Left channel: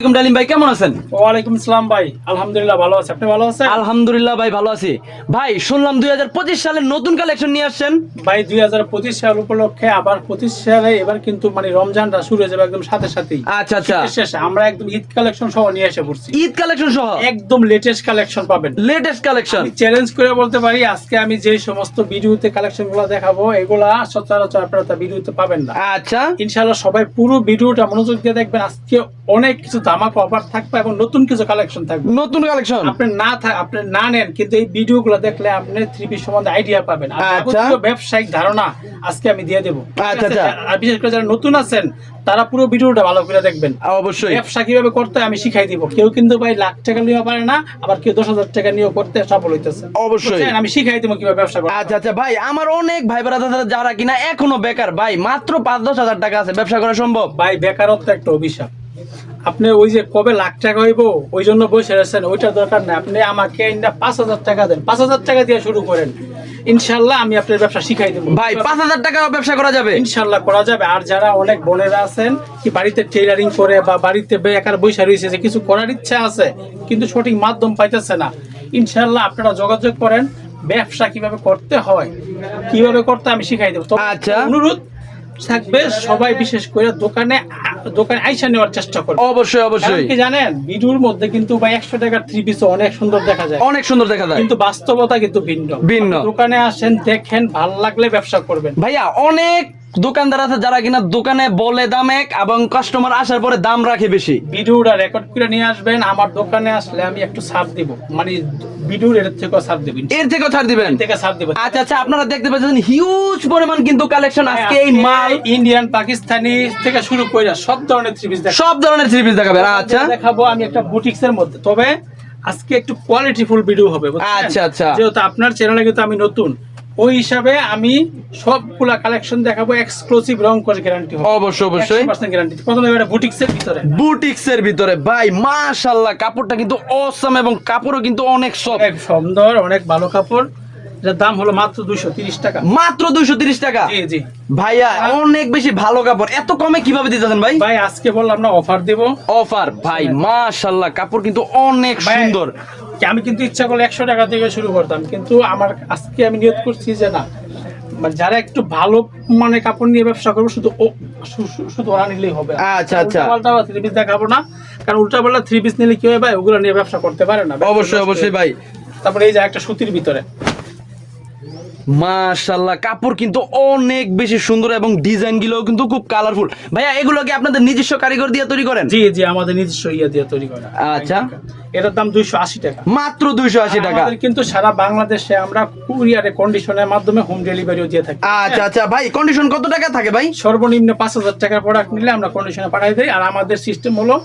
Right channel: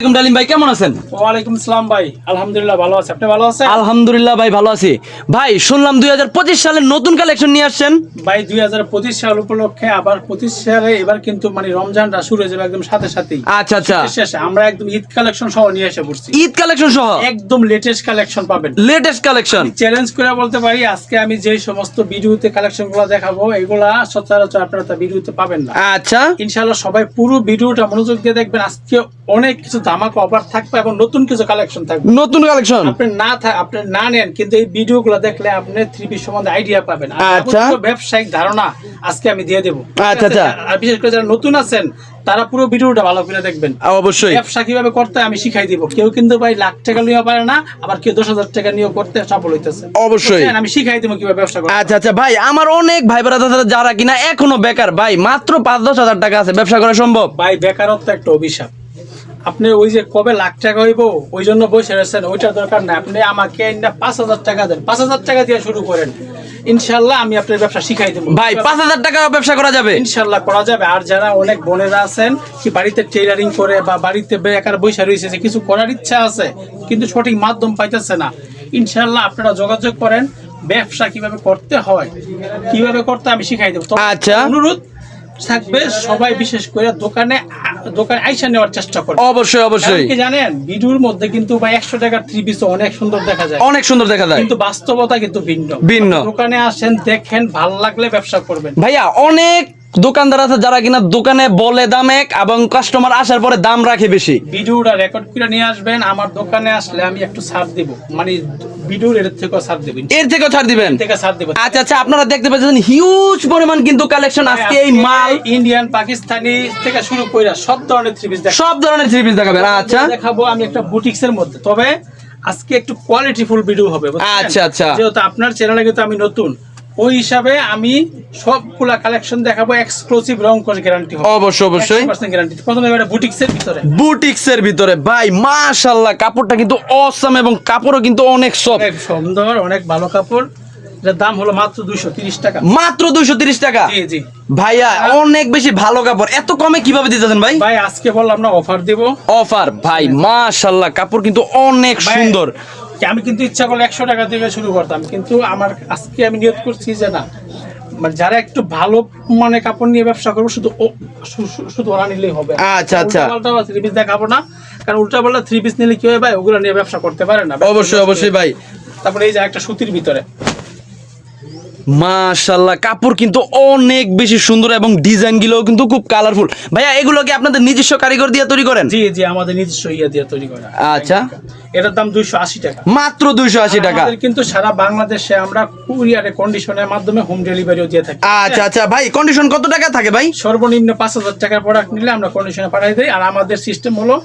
ডালিম ভাই কেমন আছেন? ওয়ালাইকুম আসসালাম ভাই, আলহামদুলিল্লাহ ভালো আছি। আপনি ভালো আছেন? আলহামদুলিল্লাহ ভাই ভালো আছি। ভাই শুনলাম 2025 সালের নতুন কালেকশন নিয়ে আসছেন। ভাই 2025 সাল উপলক্ষে আবার 25 সালে এবার কিন্তু মানে রমজানটা শুরু হয়ে যাবে একদম সাথে সাথেই। আচ্ছা আচ্ছা, শীতের শেষে আমরা একদম ঈদ কালেকশন সহ নিয়ে এসে পড়ছি। ঈদ কালেকশন সহ একদম লেটেস্ট কালেকশন পাবেন। লেটেস্ট কালেকশন চ্যালেঞ্জ করে বলতে পারি, আজকে আমি যে সমস্ত ভিডিওতে কালেকশনগুলো দেখাবো এগুলা সচরাচর আপনারা তা ভিডিওতে পাবেন না। আচ্ছা ইনশাআল্লাহ সবাই পুরো ভিডিওটা মনোযোগ দিয়ে দেখবেন। আজকে অনেক কিছু ধামাকা অফার থাকবে এবং নতুন কিছু কালেকশন থাকবে। নতুন কালেকশন আপনি না নেন কিন্তু এই ভিডিওগুলো দেখলে আপনি 3 পিস সম্বন্ধে আইডিয়া পাবেন। আর যাবতীয় ব্যবসায়িক ধারণা আজকে আমি দিয়ে দেব। আচ্ছা আচ্ছা, আর বিশেষ করে যারা নতুন আছেন তারা পুরো ভিডিওটা ভালো করে দেখবেন। অবশ্যই ব্যবসা কিভাবে করতে আমি শিখাই দিব। কেউ কিন্তু ভাই লাখ টাকা নিয়ে পারে না, আবার কেউ 10,000 টাকা নিয়ে করতে সফল হইতেছে। অবশ্যই আমি শিখাই দিব কিভাবে ব্যবসা করতে। আচ্ছা আচ্ছা ভাই, আমার অনেক ভাই ব্রাদার যারা কিনা এখনো বেকার, ভাই মাত্র 5-10 হাজার টাকা আছে, ব্যবসা করা সম্ভব? ভাই বেকারত্ব একটা অভিশাপ। আপনি ওই যে কবে লাখ টাকা হইব ওই জন্য বসে রয়েছেন, ওইটার দরকার নাই। আপনি আমাকে 5,000 টাকা দেন, 5,000 টাকা দিয়ে শুরু করেন, ইনশাল্লাহ আমি আপনার ব্যবসা শিখাই দেবো। ভাই 5,000 টাকা ব্যবসা করা যাবে? ইনশাল্লাহ করা যাবে। আর যারা অনেক বোনেরা আছেন কি বাড়িতে টেইলারিং করে বা বাড়িতে বেকার বসে রয়েছে, যে কিছু করার ইচ্ছা আছে কিন্তু সঠিক মাধ্যম পাইতেছে না, ইনশাল্লাহ আপনারা যোগাযোগ করেন। ব্যবসা কিভাবে করতে হয়, কিভাবে করতে আমি শিখাই দেবো। আচ্ছা, অনুরোধ থাকবে সবাই বিশেষ করে দোকানে আইসা নেওয়ার চেষ্টা করবে। অবশ্যই অবশ্যই। কি জানেন ভিডিওর মধ্যে কিন্তু ভাই 100 টাকার 3 পিস অনেক সুন্দর দেখা যায়, অনেক সুন্দর দেখা যায়, কিন্তু বাস্তবতা কিন্তু ভিন্ন ভিন্ন। দোকানে আসেন, দেখেন, ভালো লাগলে ব্যবসা করবেন। ভাইয়া অনেক দোকানদার আছে যারা কিনা দোকানে বলে দাম এক এবং কাস্টমার আসার পরে দাম রাখে বেশি। ভিডিওটা রেকর্ড করে নিয়ে আসবেন, আমার দোকানে আসলে আমি একটু ছাড় দিব, মানে ভিডিওর এর থেকেও ছাড় দেব, এর থেকেও ছাড় দিবেন? ছাড় দেব। আচ্ছা আচ্ছা, আপনারা দেখতে পাচ্ছেন হিউজ পরিমাণ কিন্তু কালেকশন আজকে। এই মাল ইন্ডিয়ান, পাকিস্তানি থেকে শুরু করে সব ধরনের থ্রি পিস সব ধরনের থ্রি পিস দেখাবেন। আচ্ছা দেখাবো আমি একটা বুটিক্স এর মধ্যে, তবে আজকে একটু কোয়ালিটিফুল ভিডিও হবে। আচ্ছা আচ্ছা, যেহেতু আপনার চ্যানেলে কিন্তু আমি নতুন, ওই হিসাবে আমি সবগুলা কালেকশন দেখাবো। এক্সক্লুসিভ রং করে গ্যারান্টি হবে, অবশ্যই অবশ্যই 100% গ্যারান্টি। প্রথমে এটা বুটিক্স এর ভিতরে, বুটিক্স এর ভিতরে ভাই মাশাআল্লাহ, কাপড়টা কিন্তু অসাম এবং কাপড়ও কিন্তু অনেক সফট, অনেক সুন্দর, অনেক ভালো কাপড়। এটার দাম হলো মাত্র 230 টাকা। মাত্র 230 টাকা? জি জি ভাইয়া অনেক বেশি ভালো কাপড়, এত কমে কিভাবে দিতেছেন ভাই? ভাই আজকে বললাম না অফার দেব। অফার ভাই মাশাআল্লাহ, কাপড় কিন্তু অনেক সুন্দর। আমি কিন্তু ইচ্ছা করলে 100 টাকা থেকে শুরু করতাম, কিন্তু আমার আজকে আমি নিয়ত করছি যে না, মানে যারা একটু ভালো মানে কাপড় নিয়ে ব্যবসা করবো শুধু ওরা নিলেই হবে। আচ্ছা আচ্ছা, উল্টা পাল্টা 3 পিস দেখাবো না, কারণ উল্টা পাল্টা 3 পিস নিলে কি হয় ভাই, ওগুলো নিয়ে ব্যবসা করতে পারে না। অবশ্যই অবশ্যই ভাই। তারপরে এই যে একটা সুতির ভিতরে, মাশাআল্লাহ কাপড় কিন্তু অনেক বেশি সুন্দর এবং ডিজাইন গুলো কিন্তু খুব কালারফুল। ভাইয়া এগুলো কি আপনাদের নিজস্ব কারিগর দিয়ে তৈরি করেন? জি জি, আমাদের নিজস্ব ইয়া দিয়ে তৈরি করা। আচ্ছা, এটার দাম 280 টাকা, মাত্র 280 টাকা। আমাদের কিন্তু সারা বাংলাদেশে আমরা কুরিয়ারে কন্ডিশনের মাধ্যমে হোম ডেলিভারিও দিয়ে থাকি। আচ্ছা আচ্ছা ভাই, কন্ডিশন কত টাকা থাকে ভাই? সর্বনিম্ন 5,000 টাকার প্রোডাক্ট নিলে আমরা কন্ডিশনে পাঠিয়ে দেই। আর আমাদের সিস্টেম হলো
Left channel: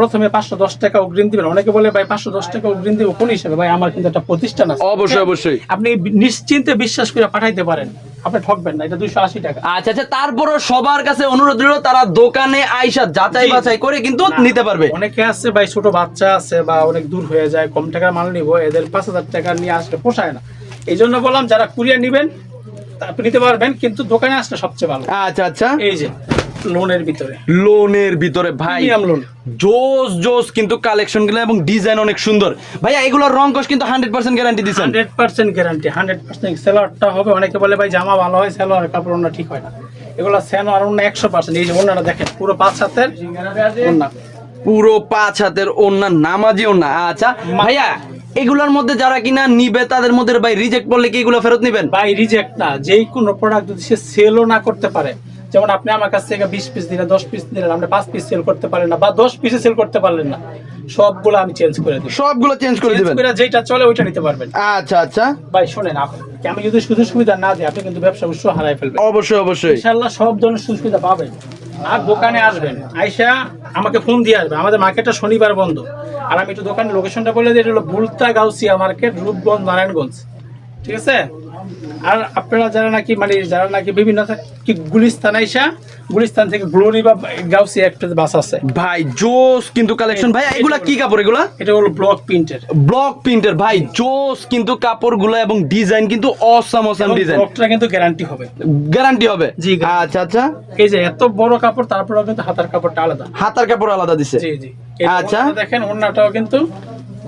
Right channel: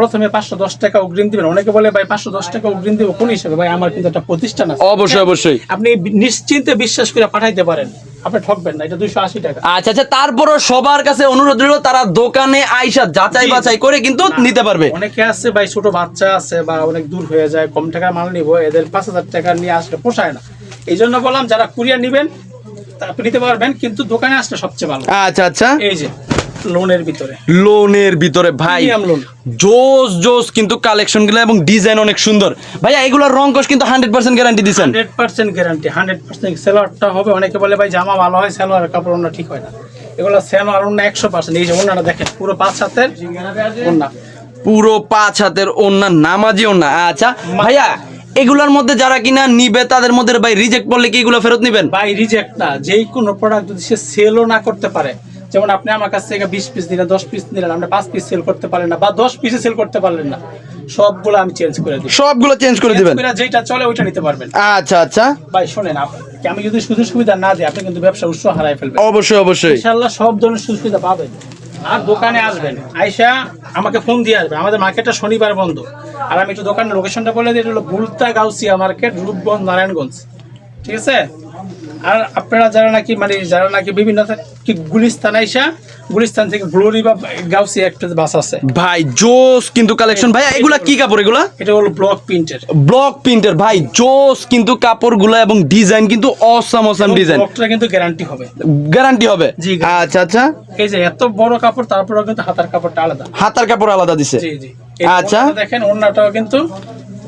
প্রথমে 510 টাকা অগ্রিম দিবেন। অনেকে বলে ভাই 510 টাকা অগ্রিম দিব কোন হিসাবে? ভাই আমার কিন্তু একটা প্রতিষ্ঠান আছে। অবশ্যই অবশ্যই, আপনি নিশ্চিন্তে বিশ্বাস করে পাঠাইতে পারেন, আপনি ঠকবেন না। এটা 280 টাকা। আচ্ছা আচ্ছা, তারপরও সবার কাছে অনুরোধ রইল তারা দোকানে আইসা যাচাই বাছাই করে কিন্তু নিতে পারবে। অনেকে আছে ভাই ছোট বাচ্চা আছে বা অনেক দূর হয়ে যায়, কম টাকার মাল নিব, এদের 5,000 টাকা নিয়ে আসলে পোষায় না। এই জন্য বললাম যারা কুরিয়ার নিবেন আপনি নিতে পারবেন, কিন্তু দোকানে আসলে সবচেয়ে ভালো। আচ্ছা আচ্ছা, এই যে লোনের ভিতরে, লোনের ভিতরে ভাই লোন জোস জোস কিন্তু কালেকশন গুলো এবং ডিজাইন অনেক সুন্দর। ভাইয়া এগুলোর রং কোশ কিন্তু 100% গ্যারান্টি দিচ্ছেন? 100% গ্যারান্টি, 100%। সেলোয়ারটা হবে, অনেকে বলে ভাই জামা ভালো হয় সেলোয়ার কাপড় ওন্না ঠিক হয় না, এগুলো সেলোয়ার ওন্না 100%। এই যে ওন্নাটা দেখেন, পুরো 5 হাতের ওন্না, পুরো 5 হাতের ওন্না, নামাজি ওন্না। আচ্ছা ভাইয়া এগুলোর মধ্যে যারা কিনা নিবে তাদের মধ্যে ভাই রিজেক্ট করলে কি এগুলো ফেরত নেবেন? ভাই রিজেক্ট না, যেই কোনো প্রোডাক্ট যদি সে সেলও না করতে পারে, যেমন আপনি আমার কাছ থেকে 20 পিস দিলেন, 10 পিস নিলেন, আপনি 5 পিস সেল করতে পারলেন না বা 10 পিসে সেল করতে পারলেন না, সবগুলো আমি চেঞ্জ করে দেব। সবগুলো চেঞ্জ করে দিবেন? যেটা চলে ওইটা নিতে পারবেন। আচ্ছা আচ্ছা ভাই শুনেন, আমি যদি সুযোগ সুবিধা না দিই আপনি কিন্তু ব্যবসা উৎস হারাই ফেলবেন। অবশ্যই অবশ্যই, ইনশাআল্লাহ সব ধরনের সুযোগ সুবিধা পাবেন। আর দোকানে আসবেন, আইসা আমাকে ফোন দিয়ে আসবেন। আমাদের মার্কেটটা শনিবার বন্ধ। আর আমি একটু দোকানের লোকেশনটা বলে দিই, এটা হলো বুলতা গাউসিয়া মার্কেট, রূপগঞ্জ, নারায়ণগঞ্জ। ঠিক আছে? আর আপনারা যারা নাকি বিভিন্ন গুলিস্তান আইসা, গুলিস্তান থেকে গ্লোরি বা গাউসি একটা বাস আছে ভাই জোস কিন্তু কালেকশন। ভাইয়া এগুলা কি কাপড়? এগুলা এটা হলো ব্লক প্রিন্টের। ব্লক প্রিন্টের ভাই জোস কিন্তু কাপড়গুলো এবং ডিজাইন কিন্তু অসাম ডিজাইন। ব্লকটা কিন্তু গ্যারান্টি হবে। গ্যারান্টি হবে? জি। আচ্ছা আচ্ছা। এই যে এত বড় কাপড়, তারপরেও কিন্তু হাতার কাপড়টা আলাদা। হাতার কাপড় আলাদা দিছে? জি জি। আচ্ছা দেখেন ওন্নাটাও কিন্তু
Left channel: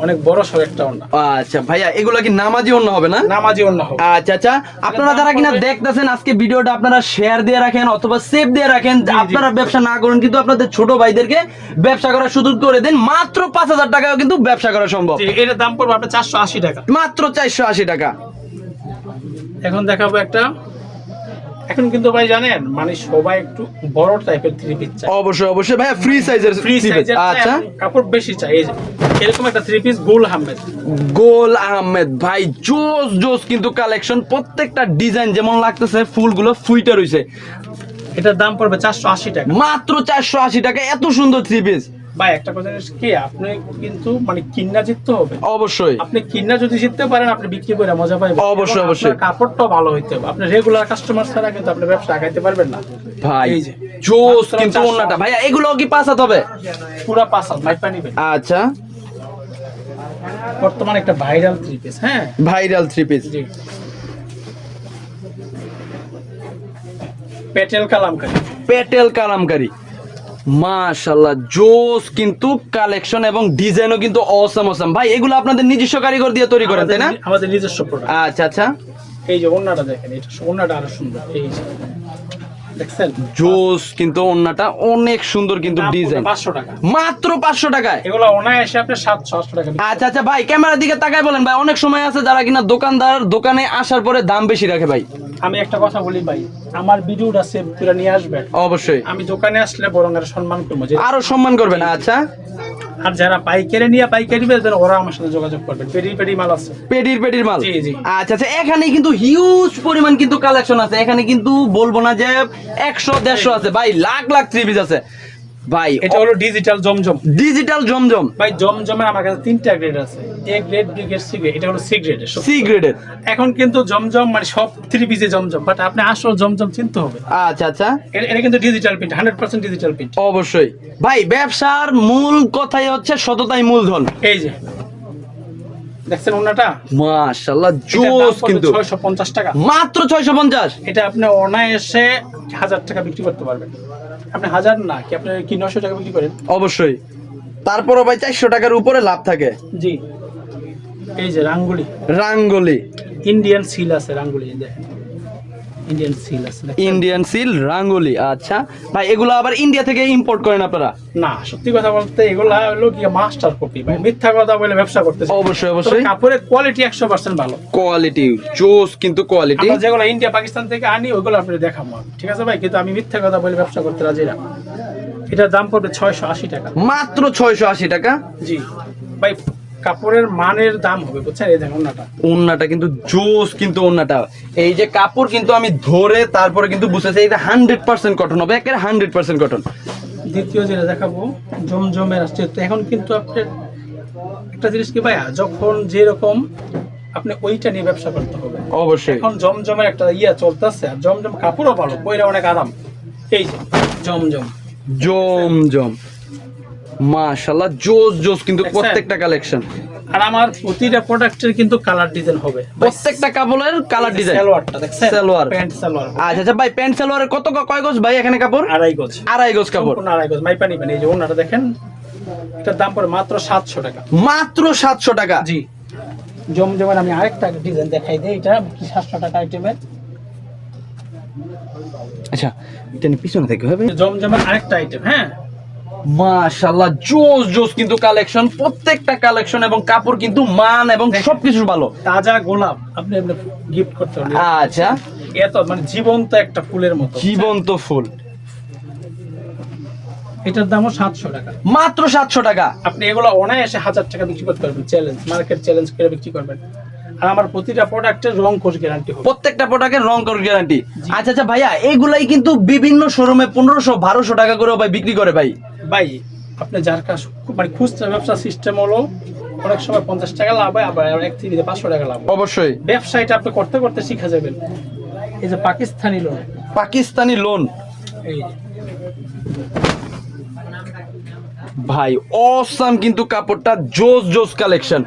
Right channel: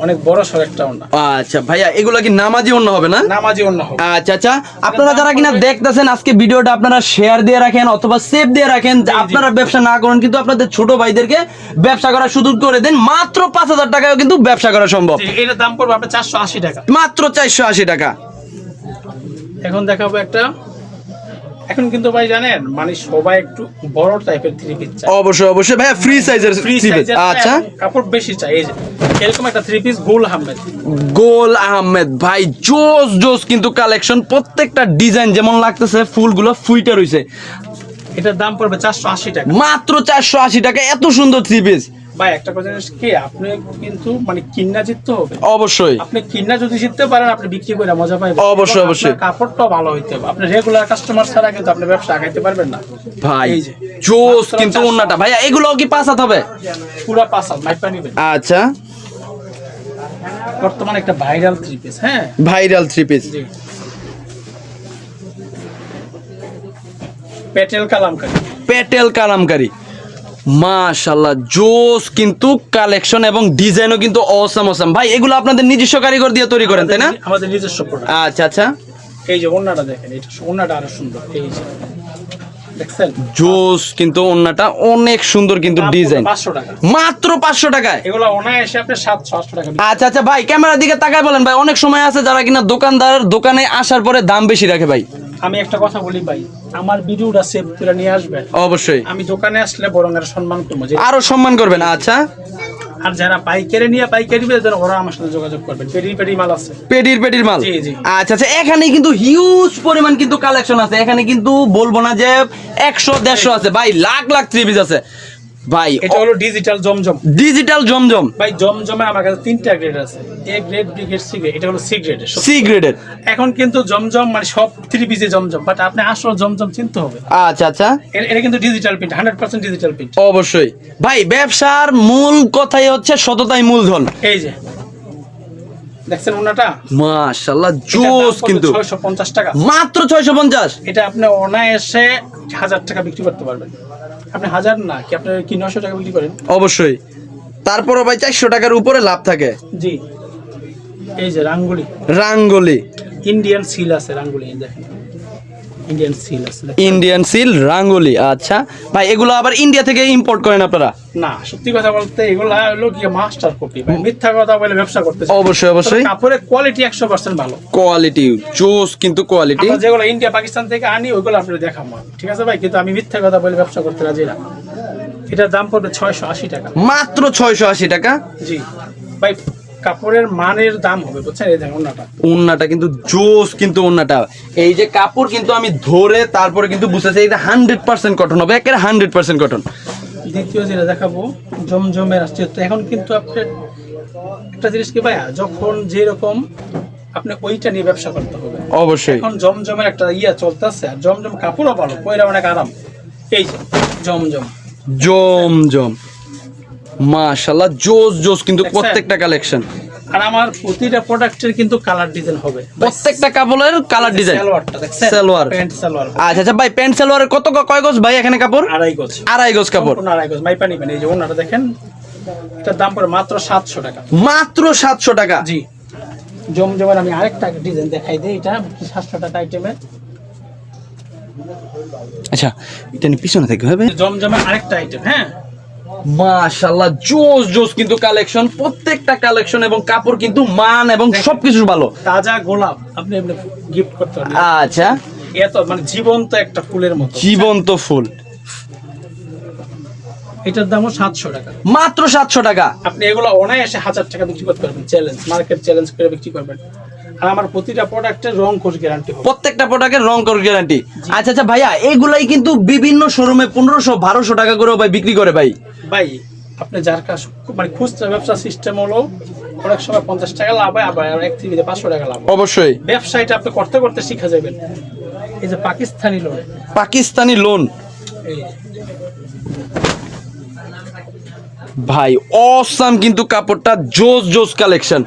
অনেক বড় সর একটা ওন্না। আচ্ছা ভাইয়া এগুলা কি নামাজি ওন্না হবে না? নামাজি ওন্না হবে। আচ্ছা আচ্ছা। আপনারা যারা কিনা দেখতেছেন আজকে ভিডিওটা, আপনারা শেয়ার দিয়ে রাখেন অথবা সেভ দিয়ে রাখেন। আপনারা ব্যবসা না করেন কিন্তু আপনাদের ছোট ভাইদেরকে ব্যবসা করার সুযোগ করে দেন। মাত্র 5,000 টাকায় কিন্তু ব্যবসা করা সম্ভব। এটার দাম পড়বে আপনার 480 টাকা। মাত্র 480 টাকা। এখন দেখাবো একটা, এখন কিন্তু ভাই জানেন মানে সবাই একটু বড় টাইপের থ্রি পিস চায়। অবশ্যই অবশ্যই ভাইয়া ফ্রি সাইজের ফ্রি সাইজের। আচ্ছা কাপড় বেশি চাই। এই যে এরকম একটা থ্রি পিস গোল আহমেদ। গোল আহমেদ ভাই জোস জোস কিন্তু কালেকশন। প্রত্যেকটা ডিজাইন যেমন লাগতেছে ফুলগুলো ফুইটা রইছে। এটার দাম পড়বে 480 টাকা। মাত্র 480 টাকা। এত সুন্দর থ্রি পিস। ভাই একটা কথা জানিস কি, আপনি কিন্তু মানে কিন্না জিততে হবে। অবশ্যই আপনি কিন্না যদি জিততে পারেন, আপনি বিক্রি করে মজা পাইবেন। অবশ্যই এবং অবশ্যই। আপনার কাপড়টাও ভালো হইতে হবে। আপনি রেগুলার কাস্টমার ছাড়া কিন্তু আপনি ব্যবসা আগাইতে পারবেন না ভাই। এই যে জোস মাত্র কিন্তু 480 ওন্নাটা ভাইয়া এগুলো কি পাঁচ হাত হবে? পুরো পাসাল মাইপা নিবেন। আচ্ছা বর্তমানে একটা ভাইরাল থ্রি পিস। হ্যাঁ ভাইরাল থ্রি পিস। জি। পেটেল কালামকারী। পেটেল কালামকারী মাশাআল্লাহ জোস কিন্তু কালেকশন এবং ডিজাইনও কিন্তু অসাম অসাম। ভাই এগুলো আপনাদের নিজস্ব কারিগর দিয়ে তৈরি করেন তাই না? আমাদের নিজস্ব প্রোডাক্ট। আচ্ছা আচ্ছা। এই যে ওন্নাটা দেখেন, এটা ওন্নাটা আরো সুন্দর। এই যে দেখছেন জোস কিন্তু ওন্নাটা অনেক সুন্দর কিন্তু দাম ডিজাইন। 500 টাকা। মাত্র 500 টাকায়। এগুলো অনায়াসে আপনি 700-800 টাকা বিক্রি। আচ্ছা আচ্ছা ভাই ক্যামেরার দিকে তাকায় বলেন ভাই। অনেক সময় আছে যারা কিনা দোকানদার দোকানে আসার পরে দাম বেশি রাখে ভাই। আমি একটা কথা বলি ভাই, আমার ভিডিওটা সেভ করে নিয়ে আসবেন। অবশ্যই আমি দোকানে আসলে বরং এর সম্মান করবো। আরো সম্মান করবেন। আচ্ছা আর যারা পাইকারি নিয়ে পাইকারি বেচবেন ওরা আমার সাথে যোগাযোগ করবেন। পেডি মাল আছে। পেডির মাল। জি জি। আচ্ছা আচ্ছা। এখানে কিন্তু হিউজ পরিমাণ কিন্তু কালেকশন আছে। এখানে কিন্তু বলবো না যে 100-150 আছে ভাই, লাখ লাখ থ্রি পিস আছে ভাই। এটা হলো ডিজিটাল জমজম। ডিজিটাল জমজম ভাই জমজমের আমার কাছে 3টা গ্রেড আছে। A grade, B grade, C grade. এটা হলো সি গ্রেডের। সি গ্রেডের। এখন কিন্তু জমজম মানে সব থ্রি পিসে জমজম, বাট আপনি আসল জমজম চিনতে হবে। আচ্ছা আচ্ছা। এটা কিন্তু ডিজিটাল প্রিন্ট, 100% ডিজিটাল প্রিন্ট। অবশ্যই ভাই ব্যবসার মূল কথাই হচ্ছে সততাই মূলধন। এই যে দেখছেন ওন্নাটা মাশাআল্লাহ জোস কিন্তু 650 টাকা। মাত্র 650। এটা আপনি অনায়াসে 1000 টাকা বিক্রি করতে পারবেন। আপনি 1000 না কি আপনি কি 900 টাকা বিক্রি করেন? অবশ্যই। তারপরও ভাই 400 টাকার উপরে লাভ থাকে। জি। এই যে রাঙ্গুলি। রাঙ্গুলি ইন্ডিয়ান সিল আছে রাঙ্গুলি। দেখেন ইন্ডিয়ান সিল আছে। ইন্ডিয়ান সিল রাঙ্গুলি। আচ্ছা ভাই এগুলো আবার ইন্ডিয়া থেকে ইম্পোর্ট করেন আপনারা? না, সত্যি কথা বলতে এগুলো হলো কি মাস্টার কপি ভাই। মিথ্যা কথা বলে ব্যবসা করতেছে। অবশ্যই অবশ্যই। কাপড়ের কোয়ালিটি 100% ভালো। কোয়ালিটি জোস কিন্তু কোয়ালিটি। আমরা যেগুলো ইন্ডিয়া পাকিস্তান থেকে আনি ওইগুলো আপনাদের দেখাবো, ঠিক আছে ভাই? কিন্তু আমি মিথ্যা কথা বলে ব্যবসা করতে রাজি না। এটার দাম পড়বে 680 টাকা। মাত্র 680 টাকা। জি ভাই, কাপড়ের মানের দাম হবে বুঝছেন। এই দেখুন ওন্নাটা। ওন্নাটা কিন্তু জোস কিন্তু ওন্নাটা। এই যে কাপড় কিন্তু আমি ধরে তারপরে কিন্তু বুঝতেছি এটা 100% কটন হবে। একেবারে 100% কটন। দ্বিতীয় যেটা দেখাবো জমজমের আসছে। তো এখন কিন্তু আপনার একটা জিনিস কি ভাইয়া, যখন যেরকম আপনি ওইটা নিয়ে ব্যবসা করতে হবে। অবশ্যই। এখন জমজমের একটা চলতেছে, আর জমজম কাপড়ও ভালো, পয়রা অনেক আরাম। এই যে জমজম জমজম মাশাআল্লাহ জোস জোস কিন্তু দেখছেন? প্রত্যেকটা কালেকশন। আর আমার প্রতিটা প্রোডাক্টের কিন্তু কালার ডিজাইন হবে। প্রত্যেকটা কাপড়ের কালার ডিজাইন। সালোয়ারটা দেখছেন? সালোয়ার। প্যান্ট সালোয়ার। আচ্ছা আচ্ছা ভাই প্যান্ট সালোয়ারের কত কয় গজ ভাই এখানে কাপড়? 2.5 গজ। 2.5 গজ কাপড়। সম্পূর্ণ 2.5 গজ। মাইপা নিবেন। এই যে ওন্নাটা দেখেন, এটার দাম পড়ে মাত্র 700 টাকা। মাত্র 700 টাকা। জি। জমজমের আমি আরেকটা ডিজাইন দেখাই দিই। এটা 700 টাকা আইটেমের। আচ্ছা এটা নি পিছনে থেকে হবে। জমজমের আরেকটা আইটেম। হ্যাঁ মাশাআল্লাহ জোস জোস কিন্তু কালেকশন। প্রত্যেকটা কালেকশন এবং কাপড় কিন্তু মান এবং সবকিছু ভালো। তাজা গোলাপ আপনি গিফট করতে পারবেন। আচ্ছা এত মানে জীবন্ত একটা ফুলের মতো। জীবন্ত ফুল। এটার দামও 700 টাকা। মাত্র 700 টাকা। আপনি এগুলো অনায়াসে 1000 টাকা বিক্রি করতে পারবেন। চ্যালেঞ্জ, মার্কেট চ্যালেঞ্জ করে বিক্রি করবেন। আর আমার প্রতিটা প্রোডাক্টের রং কোর্স গ্যারান্টি হবে। প্রত্যেকটা প্রোডাক্টের রং কোড গ্যারান্টি। আচ্ছা আচ্ছা ভাইয়া এগুলাই কিন্তু বিভিন্ন শোরুমে 1500-1200 টাকা করে ভাই বিক্রি করে ভাই। ভাই আপনি যার কাছে মানে খুচরা ব্যবসা সিস্টেম হলো অনেক সময় 50 টাকা লাভ হয়, আবার এক থেকে 500 টাকা লাভ হয়। অবশ্যই। ব্যবসায়টা আপনি করতে করতে শিখে যাবেন। এই যে পাকিস্তানি লোন, পাকিস্তানি লোন এই ভাই অসাম কিন্তু কাপড়টা জোস জোস কালেকশন।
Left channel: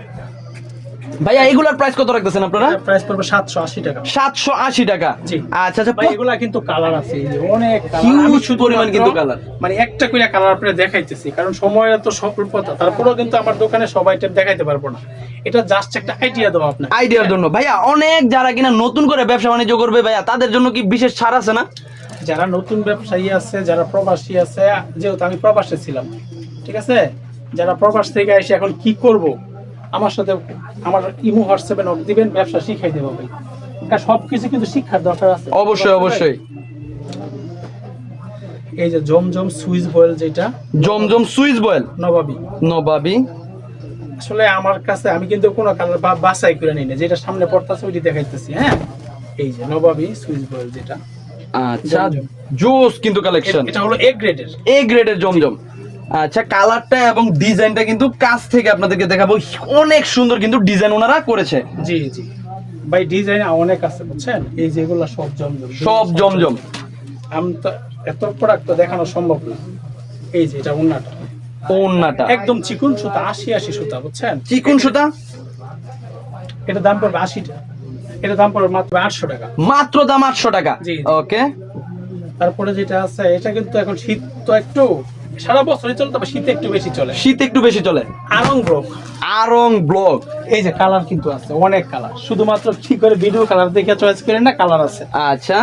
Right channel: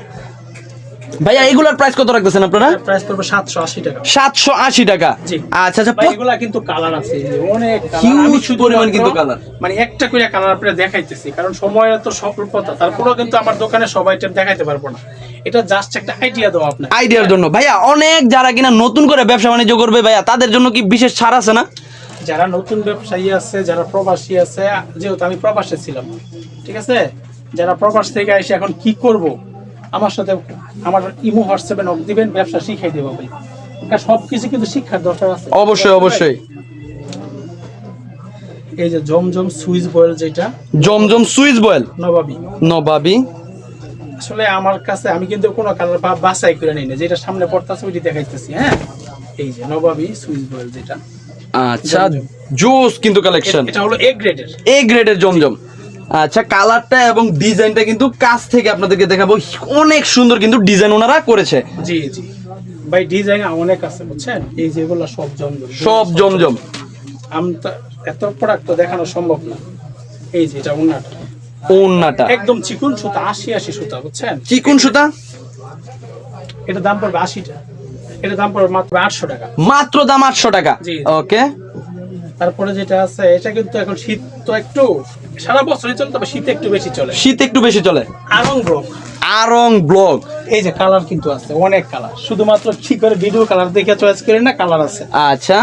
ভাইয়া এগুলার প্রাইস কত রাখতেছেন আপনারা? প্রাইস পড়বে 780 টাকা। 780 টাকা। জি। আচ্ছা আচ্ছা, ভাই এগুলা কিন্তু কালার আছে, এই যে অনেক কালার। Huge আমি শুধু পরিমাণ কিন্তু colour। মানে একটা করে কালার আপনাদের দেখাইতেছি, কারণ সময়ের তো স্বল্পতা, তারপরেও কিন্তু আমার দোকানে সবাই টাইপ দেখাইতে পারবো না। এটা জাস্ট একটা আইডিয়া দেওয়া আপনাকে। আইডিয়ার জন্য। ভাইয়া অনেক যারা কিনা নতুন করে ব্যবসা বাণিজ্য করবে ভাইয়া, তাদের জন্য কি বিশেষ ছাড় আছে না? যারা নতুন ব্যবসায়ী আছে, যারা প্রবাসী আছে, যেহেতু আমি প্রবাসে ছিলাম, ঠিক আছে, যারা প্রবাস থেকে এসে এখন কি করব, আমার সাথে আমার ইমো হোয়াটসঅ্যাপে নক দিবেন, ব্যবসা শিখাই দেবো ভাই। এটা সবকিছু কিন্তু শিক্ষার দরকার আছে। অবশ্যই অবশ্যই। এই যে জমজম সুইচ বয়েল, যেটা জমজম সুইচ বয়েল নবাবী। নবাবি। আসলে আমার কাছে আমি কিন্তু কোনো কালার বাছাই করে নিই না, যেটা সামনে পড়তেছে ওইটি দেখাইতেছি। হ্যাঁ, এই যে নবাবী সুইচ বয়েল যেটা। আচ্ছা, জমজম। জোস কিন্তু কালেকশন। এটা হলো এ গ্রেডের। এ গ্রেডের জমজম। আচ্ছা, কালারটা এবং ডিজাইনটা কিন্তু কাছ থেকে আপনাদেরকে দেখাবো, অনেক সুন্দর কিন্তু ডিজাইন ওনারা করেছে। জি জি ভাই, ডিজাইন অনেক আছে বুঝছেন। এই যেগুলো সব জমজম, সব জমজম। আমি তো এত প্রোডাক্ট তো দেখানো সম্ভব না। এই যে এটা ওন্নাটা, ওন্নাটা একদম চিকুন সুতা, 80 সুতা বুঝছেন। চিকুন সুতা। এটা দাম পড়বে 80 টাকা। এটা দাম পড়বে মাত্র 800 টাকা। মাত্র দাম 800 টাকা। জি। ওকে। তারপরে যেটা আছে, এটা কিন্তু এখন শীত তো একটু সারা বছরই চলে, তবে শীতে একটু বেশি চলে। শীত একটু বেশি চলে। আরং ব্লক। আরং ব্লক। এই যে কালার কিন্তু আছে, অনেক কালার, শুধুমাত্র কি করে ভিডিও কালার দেখে চয়েস করেন না, কালার আছে। আচ্ছা,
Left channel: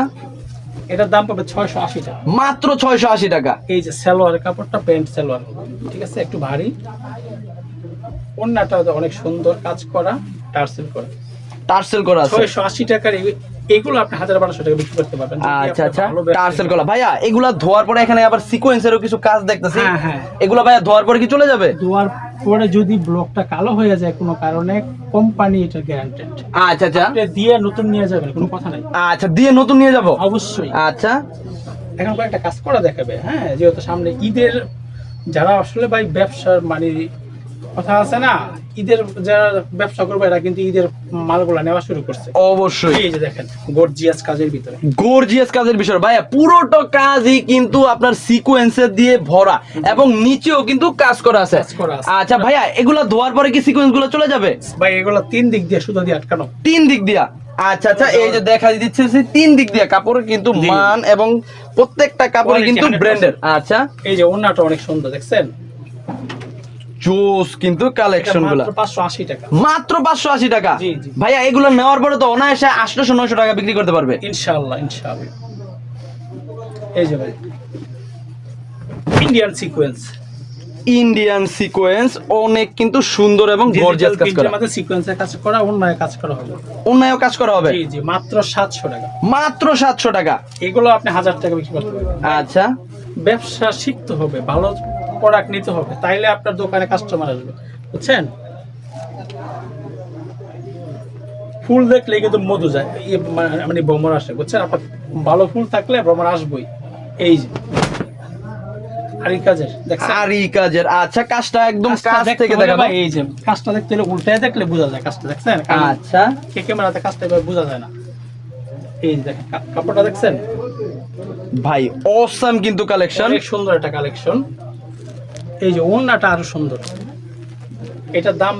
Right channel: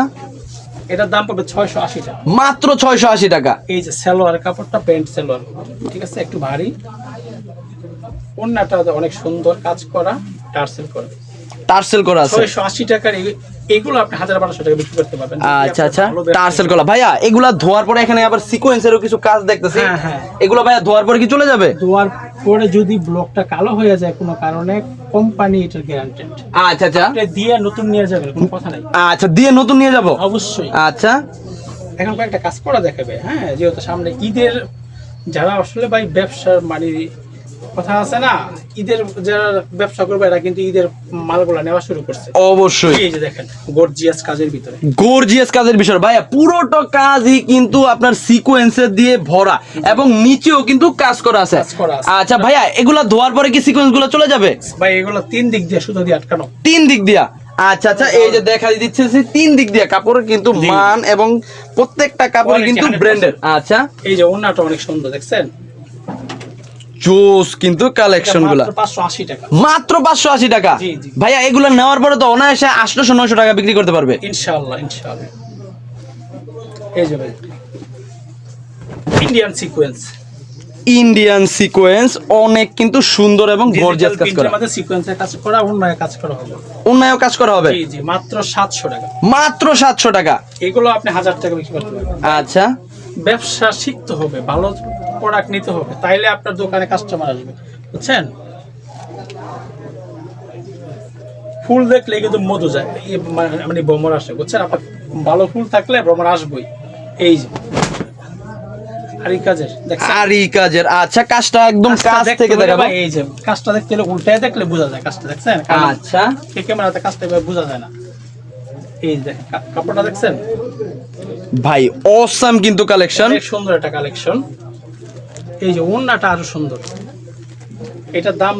এটার দাম পড়বে 680 টাকা। মাত্র 680 টাকা। এই যে সালোয়ার কাপড়টা, প্যান্ট সালোয়ার, ঠিক আছে, একটু ভারী, ওন্নাটা অনেক সুন্দর কাজ করা, টার্সেল করা, টার্সেল করা আছে। 680 টাকার এইগুলো আপনি 1000-1200 টাকা বিক্রি করতে পারবেন। আচ্ছা আচ্ছা, টার্সেল করা। ভাইয়া এগুলা ধোয়ার পরে এখানে আবার সিকোয়েন্সেরও কিছু কাজ দেখতেছি। হ্যাঁ হ্যাঁ, এগুলা ভাইয়া ধোয়ার পরে কি চলে যাবে? ধোয়ার পরে যদি ব্লকটা কালো হয়ে যায় কোনো কারণে, কোম্পানি এটা গ্যারান্টেড। আচ্ছা আচ্ছা, আপনি দিয়ে নতুন নিয়ে যাবেন, কোনো কথা নাই। আচ্ছা দিয়ে নতুন নিয়ে যাব অবশ্যই। আচ্ছা, এখন কয়েকটা কাজ করা দেখাবে। হ্যাঁ, যেহেতু সামনে ঈদের, যারা আসলে ভাই ব্যবসার মানে কথা আছে না, ঈদের যারা ব্যবসা করবে এরা কিন্তু ঈদের মালগুলা নেওয়া শুরু করছে। অবশ্যই। এই যে দেখেন গর্জিয়াস কাজের ভিতরে, গর্জিয়াস কাজের বিষয় ভাইয়া, পুরোটা কাজই কিন্তু আপনার সিকোয়েন্সের দিয়ে ভরা এবং নিচেও কিন্তু কাজ করা আছে। কাজ করা আছে। আচ্ছা ভাইয়া, এগুলা ধোয়ার পরে কি সিকোয়েন্স গুলো চলে যাবে? ভাই এগুলো 3 দিক দিয়ে সুতা দিয়ে আটকানো। 3 দিক দিয়া। আচ্ছা আচ্ছা, এই যে দেখা দিচ্ছে যে 3 দিক দিয়ে কাপড়ের কিন্তু জি। মান এবং প্রত্যেকটা কাপড় Quality কিন্তু 100%। ব্র্যান্ডেড। আচ্ছা, এই যে ওন্নাটা অনেক সুন্দর, দেখছেন, জোস কিন্তু কালেকশন গুলা। মাত্র 580 টাকা। মাত্র 580 টাকা। জি, জি। ভাইয়া এগুলো নেওয়ার পরে তো অনায়াসে 800-900 টাকা বিক্রি করতে পারবে ইনশাআল্লাহ ইনশাআল্লাহ। এই যে ভাই ইন্ডিয়ান সিকোয়েন্স, ইন্ডিয়ান সিকোয়েন্স, অনেক কিন্তু সুন্দর এবং গর্জিয়াস কাজ করা। আমাদের সিকোয়েন্সের কাজ করা, অন্যায় কাজ করা হবে। উন্নয়ন কাজ করা হবে। জি জি, মাত্র 700 টাকা। মাত্র 700 টাকা। এগুলো আপনি 1000 টাকা বিক্রি করতে পারবেন। আচ্ছা, ব্যবসা শিখতে হবে, ভালো প্রোডাক্ট নিতে হবে, তাইলে আপনার দোকানে কাস্টমার আসবে, বুঝছেন। ফুল দেখলে কিন্তু মধু যায়, মানে ভ্রমণ আসে, বুঝছেন। আপনার ভালো ফুল থাকলে ভ্রমণ আসবেই। এই যে আরি কাজের, দেখছেন, আরি কাজের। আচ্ছা, কাজটা একদম কাজটা কাছ দেখতে থেকে হলে দেখাবো। ভাই, এই যে কাজটা দেখতে হলে উল্টায় দেখলে বোঝা যায় কাজটা, দেখছেন। আচ্ছা, ক্যামেরাতে কাজটা এভাবে বোঝা যায় না। এই যে দেখেন কাপড়টা, দেখছেন ভাই অসাম কিন্তু কালেকশন। অনেক সুন্দর একটা কালেকশন। এই যে ওন্নাটা আরো সুন্দর। এটার দাম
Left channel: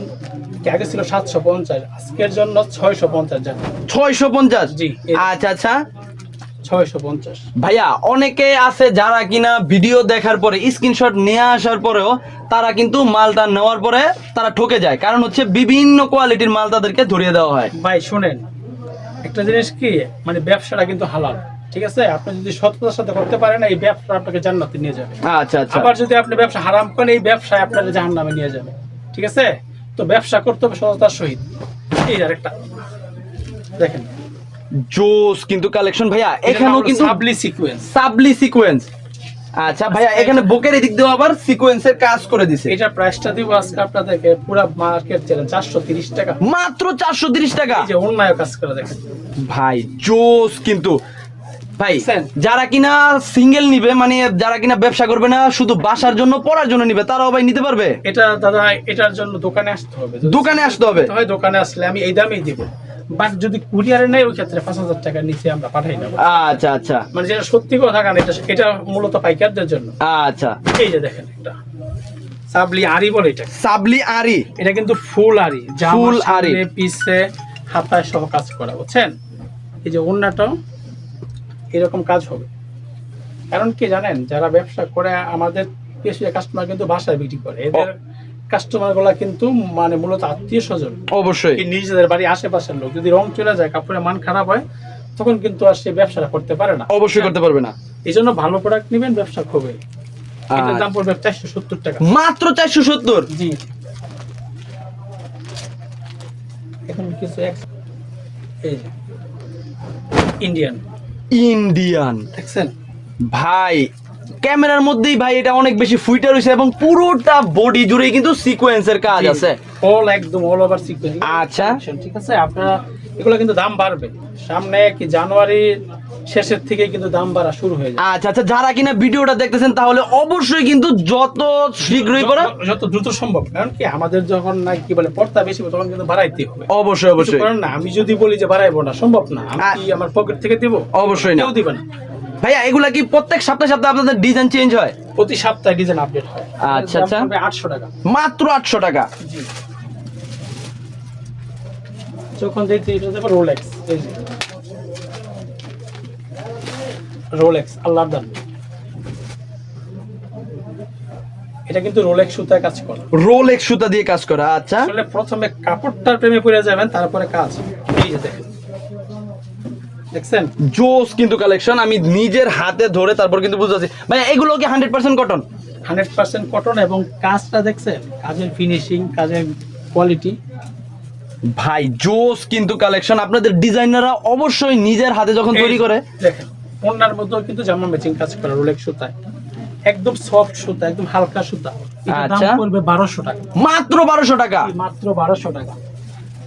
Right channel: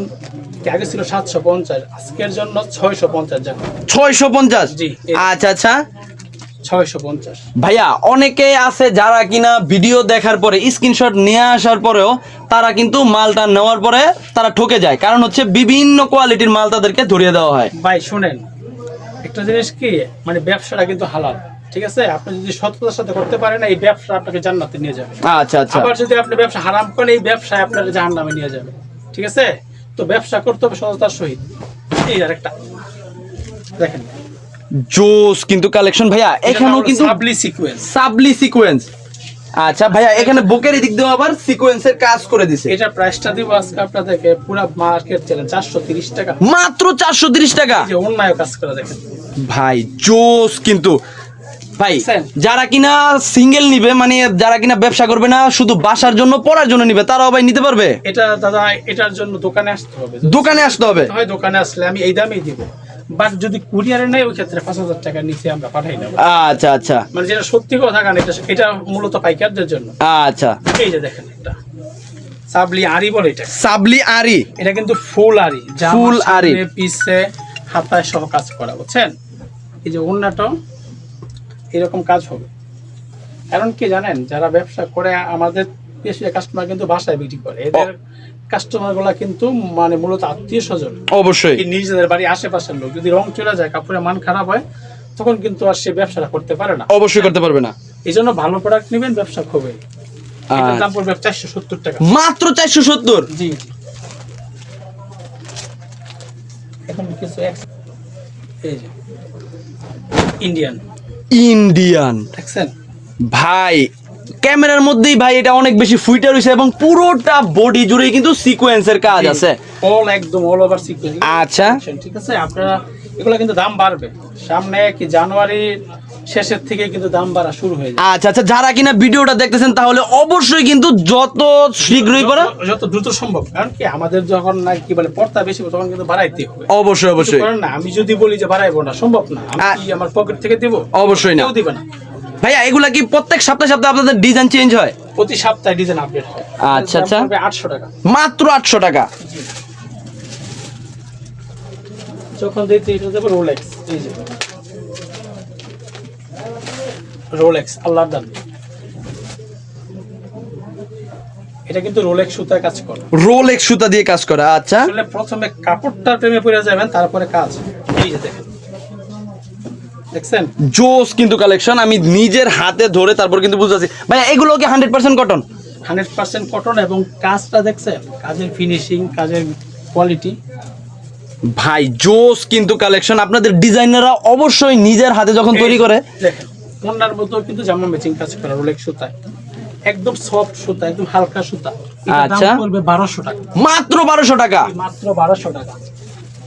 আগে ছিল 750, আজকের জন্য 650 টাকা। 650। জি। আচ্ছা আচ্ছা 650। ভাইয়া, অনেকে আছে যারা কিনা ভিডিও দেখার পরে স্ক্রিনশট নিয়ে আসার পরেও তারা কিন্তু মালটা নেওয়ার পরে তারা ঠকে যায়, কারণ হচ্ছে বিভিন্ন কোয়ালিটির মাল তাদেরকে ধরিয়ে দেওয়া হয়। ভাই শুনেন, একটা জিনিস কি, মানে ব্যবসাটা কিন্তু হালাল, ঠিক আছে। আপনি যদি সততার সাথে করতে পারেন, এই ব্যবসা আপনাকে জান্নাতে নিয়ে যাবে। আচ্ছা আচ্ছা, আবার যদি আপনি ব্যবসা হারাম করেন, এই ব্যবসায় আপনাকে জাহান্নামে নিয়ে যাবে, ঠিক আছে। তো ব্যবসা করতে হবে সততার সহিত। এই আরেকটা দেখেন, জোস কিন্তু কালেকশন ভাইয়া, এখানেও কিন্তু সাবলি সিকোয়েন্স। সাবলি সিকোয়েন্স। আচ্ছা ভাইয়া, এখানে বুকের এদিক দিয়েও আবার সিকোয়েন্সের কাজ করে দিছে। এটা প্রাইসটা দিব আজকে আপনাদেরকে পুরো মার্কেট চ্যালেঞ্জ 430 টাকা। মাত্র 430 টাকা। এই যে অন্যায় কাজ করে দেখেন ভাই জোস কিন্তু। ভাই বুঝছেন? যারা কিনা সিঙ্গেল নিবে মানে যারা কিনা ব্যবসা করবে না শুধু বাসার জন্য পড়ার জন্য নিবে তারাও ভাই নিতে পারবে? এটা দাদা এটার জন্য দোকানে আসতে হবে, দোকানে আসতে হবে? হয় দোকানে আসলে আমি এই দামেই দিব, বাট যদি কুরিয়ারে নেই ওই ক্ষেত্রে 5,000 টাকার নিচে আমরা পাঠাই না। আচ্ছা আচ্ছা মানে যেটা সত্যি কথা কারণ এটা মূলত পাইকারদের জন্য। আচ্ছা। এই যে দেখেন এটা সাবলি আরি বলে, এটা সাবলি আরি, এটা কিন্তু ফুল আরি, ফুল আরি, সামনে পিছে হাতায় সহ কাজ করা, বুঝছেন? এই যে ওন্নাটাও এরকম কাজ হবে। কারণ কি জানেন, যারা ব্যবসা করে আমাদের বেশি কাস্টমার কিন্তু বাসায় বিক্রি করে, এদের কাস্টমার গুলা কিন্তু মানে মূলত আত্মীয় স্বজন, অবশ্যই নিজেদের বাড়ি আশেপাশের লোক। যদি রং চলে যায়, কাপড়ের মান খারাপ হয়, তখন কিন্তু আর সে ব্যবসাটা করতে পারে না। অবশ্যই করতে পারবে না। এই জন্য ভালো প্রোডাক্ট নেবেন, ব্যবসা হবে। এটার দাম পড়বে 470 টাকা, মাত্র 470। জি। এখন কিছু এই যে ইন্ডিয়ান দেখছেন ভাই, ক্যামেরার মধ্যেই ভাই এটা অনেক বেশি ফুইটা রয়েছে এবং পুরোটা বডি জুড়ে কিন্তু সিকোয়েন্সের কাজ আছে, একদম অল ওভার সিকোয়েন্স। আচ্ছা ঠিক আছে, আপনারা এগুলো কিন্তু দাম বাড়বে সামনে, কি জানুয়ারির শেষের থেকে কিন্তু দাম বাড়া শুরু হয়ে যায়। আচ্ছা আচ্ছা, যারা কিনা ভিডিওটা দেখতেছেন তাহলে অবশ্যই কিন্তু যত শীঘ্রই পারা যত দ্রুত সম্ভব, কারণ কি আমাদের যখন না কি বলে পড়তা বেশি তখন কিন্তু বাড়াইতে হবে। অবশ্যই অবশ্যই, কারণ না আমি যদি বলি যে বাড়াইবো না, সম্ভব না। আমি কি আমার পকেট থেকে দেব? অবশ্যই না, কেউ দিবে না। ভাইয়া এগুলা কি প্রত্যেক সপ্তাহে সপ্তাহে আপনাদের ডিজাইন চেঞ্জ হয়? প্রতি সপ্তাহে ডিজাইন আপডেট হয়। আচ্ছা আচ্ছা, 800 টাকা, মাত্র 800 টাকা। জি। যখন দিতে এটা দেব রোলেক্স, এই যে রোলেক্স আল্লাহর দান, এটা কিন্তু রোলেক্স সুতায় কাজ করে, রোলেক্স সুতা দিয়ে কাজ করা। আচ্ছা, আসলে প্রথমে কাপড়টার প্রেমে পড়ে যাবেন, তারপরে কাজ। এই যে দেখেন, দেখছেন জোস কিন্তু কালেকশন, আমি নিজের হাতে ধরে তারপর কিন্তু বুঝাচ্ছি। ভাই এগুলো কি 100% কটন? 100% কটন, এবং কাজটা দেখছেন, কাজের ফিনিশিং, কাজের কোয়ালিটি। ভাই জোস কিন্তু কালেকশন, আপনাদের ডিজাইনাররা অবশ্যই নিজের হাতে যখন তৈরি করে। দেখেন ওনার মধ্যেও কিন্তু জামা ম্যাচিং কাজ করা, রোলেক্স সুতায়, একদম সফট সুতা, একদম হালকা সুতা। এটার দাম আচ্ছা, পড়বে 1200 টাকা, মাত্র 1200 টাকা, মাত্র 1200 টাকা।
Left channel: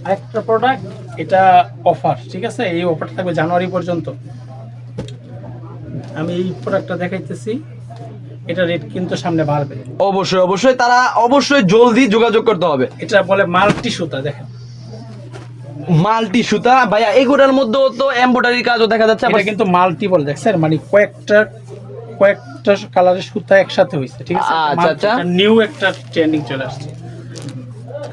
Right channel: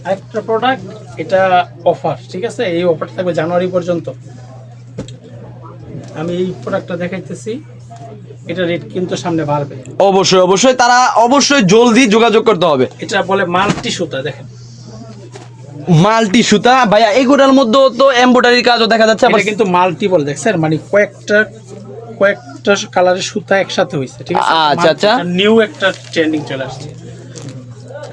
আরেকটা প্রোডাক্ট, এটা অফার, ঠিক আছে? এই অফারটা থাকবে জানুয়ারি পর্যন্ত। আমি এই প্রোডাক্টটা দেখাইতেছি, এটা রেট কিন্তু সামনে বাড়বে। অবশ্যই অবশ্যই, তারা অবশ্যই জলদি যোগাযোগ করতে হবে। এটা বলে মাল্টি সুতা, দেখেন মাল্টি সুতা। ভাইয়া এগুলোর মধ্যে তো এমব্রয়ডারি কাজও দেখা যাচ্ছে। এটা কিন্তু মাল্টি বলে, দেখছেন, মানে কয়েকটা কালারের সুতা একসাথে হয়েছে, ঠিক আছে? আচ্ছা আচ্ছা, নিউ একটা ট্রেন্ডিং চলে আসছে।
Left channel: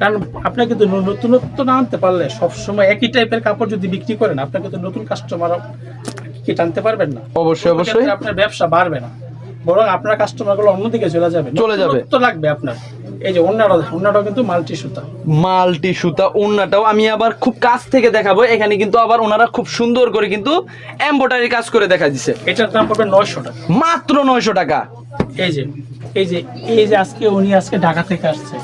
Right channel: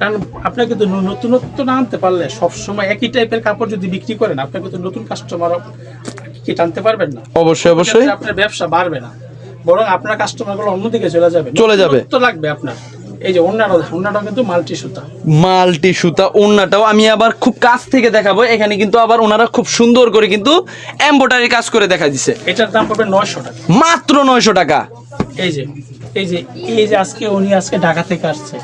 কারণ আপনাকে তো নতুনত্ব না আনতে পারলে, সবসময় একই টাইপের কাপড় যদি বিক্রি করেন, আপনাকে তো নতুন কাস্টমার কি টানতে পারবেন না। অবশ্যই অবশ্যই, আপনার ব্যবসা বাড়বে না, বরং আপনার কাস্টমারগুলো অন্যদিকে চলে যাবে। তো লাগবে আপনার। এই যে ওন্নাটাও কিন্তু মাল্টি সুতা, মাল্টি সুতা। ওন্নাটাও আমি আবার খুব কাছ থেকে দেখাবো। এখানে কিন্তু আবার ওনারা খুব সুন্দর করে কিন্তু এমব্রয়ডারি কাজ করে দেখা দিচ্ছে। এটার দাম পড়বে 900 টাকা, মাত্র 900 টাকা। এই যে আজকে ঢাকা থেকে আসছে,